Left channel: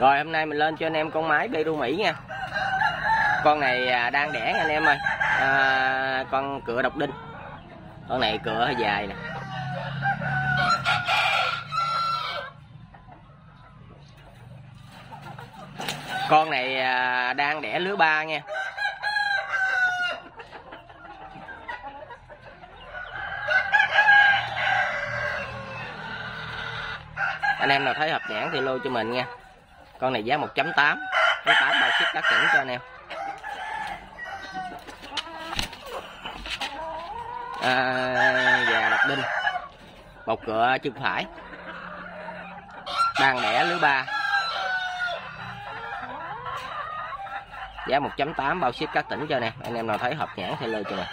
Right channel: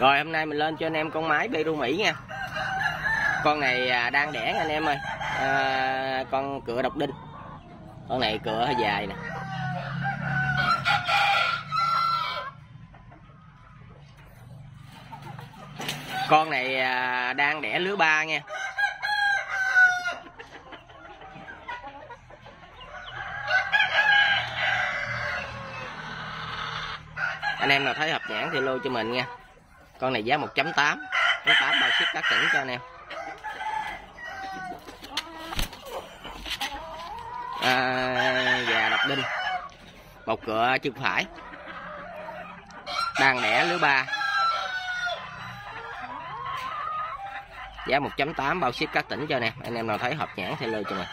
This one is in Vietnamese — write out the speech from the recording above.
Rồi hôm nay mình lên cho anh em con mái Peru Mỹ nha. Con này đang đẻ nha anh em ơi. Con cựa độc đinh. Con này cựa hơi dài nè. Con này đang đẻ lứa 3 nha. Anh em nào thấy hợp nhãn thì lô cho mình nha. Con này giá 1.8, 1.8 bao ship các tỉnh cho anh em. Gà độc đinh, một cựa chân phải, đang đẻ lứa 3, giá 1.8 bao ship các tỉnh cho anh em. Anh em nào thấy hợp nhãn thì lô cho mình.